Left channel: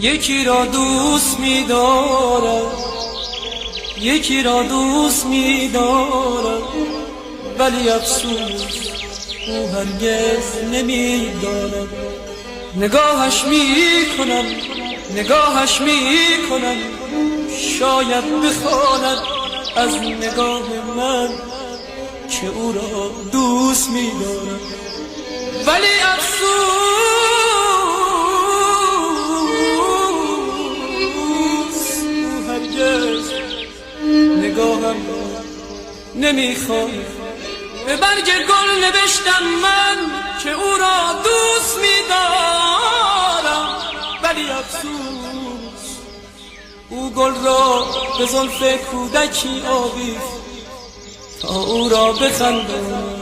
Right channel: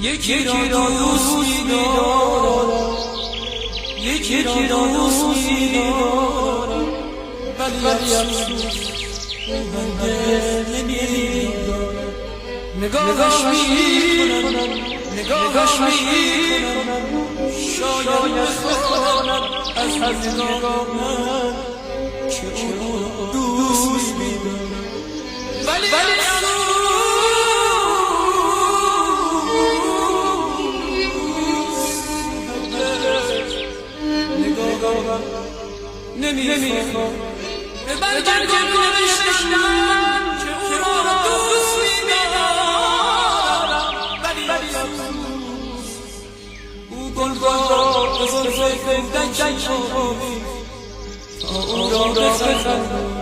یکی را دوست می‌دارم، یکی را دوست می‌دارم، ولی افسوس او هرگز نمی‌دارم. نگاهش می‌کنم، نگاهش می‌کنم، شاید بخواند از نگاه من که او را دوست می‌دارم، ولی افسوس هرگز نگاهم نمی‌خواند. به برگ گل نوشتم من که او را دوست می‌دارم، ولی افسوس او گل را به زلف کودکی آویخت تا او را بخندم.